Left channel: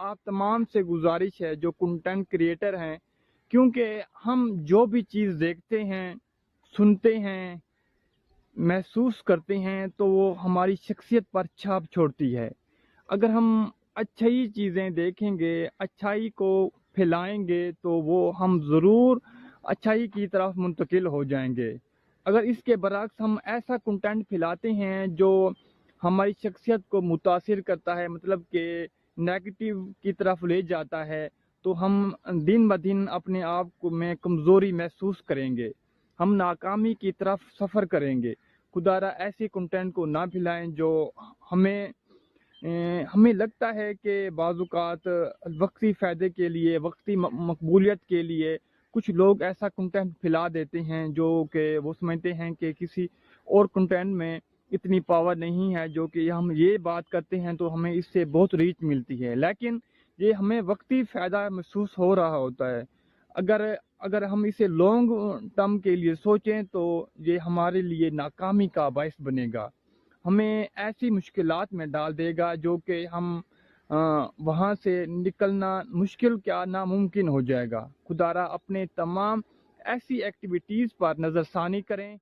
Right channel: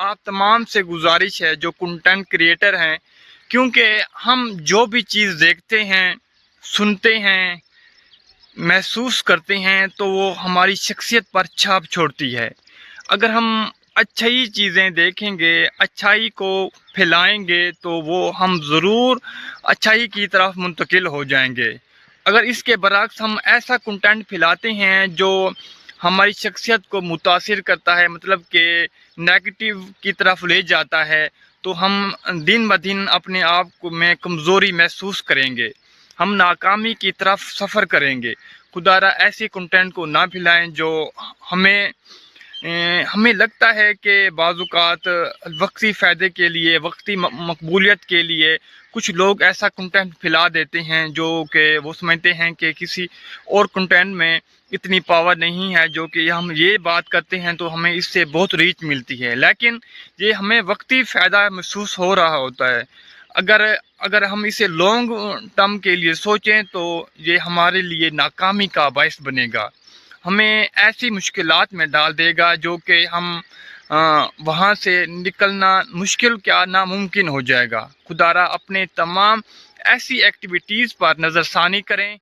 آپ تمام سے گزارش ہے جو کنٹینٹ کریٹر ہیں، کیونکہ ہم جو بھی چیز دیکھتے ہیں، سنتے ہیں، محسوس کرتے ہیں تو وہ ہماری شخصیت پر چھاپ چھوڑتی ہے۔ اگر ہم اچھائی چیزیں دیکھیں گے، اچھائی کو پھیلائیں گے تو وہ ہم ضرور اچھائی کی طرف منتقل ہو جائیں گے۔ اگر اس کے برعکس ہم ایسا کنٹینٹ پھیلاتے ہیں جو ہماری شخصیت کو متاثر کرتا ہے، مطلب کہ نیگیٹو کی طرف لے جاتا ہے، تو ہم دن بدن اپنے آپ کو میں کمزوری محسوس کریں گے، ہم ناکامی کی طرف سفر کریں گے۔ خدا را ایسی کنٹینٹ کو نہ پھیلائیں جو ہمیں لگتا ہے کہ بعض اوقات وقتی فائدے کے لیے، وقتی مقبولیت کے لیے کچھ لوگ ایسا کنٹینٹ پھیلا دیتے ہیں جو کہ وہ سمجھتے ہیں کہ کسی اور کنٹینٹ میں اتنی پاور نہیں ہے، جو کہ ہم یہ بات کرتے ہیں تو ہمیں اس سے بہت ریچ ملتی ہے، لیکن یہ ہمیں وقتی فائدہ محسوس ہو رہا ہوتا ہے۔ اگر ہم اسے لانگ ٹرم کے لیے سوچیں تو یہ ہمارے لیے ناکامی کا باعث بنے گا، ہمیں ایسی مشکلات میں ڈال دے گا جو کہ ہم وہاں سے نکلنا مشکل کیا ناممکن ہو جائے گا۔ خدا را اپنے تمام ایسی ایکٹیویٹیز پر نظر ثانی کریں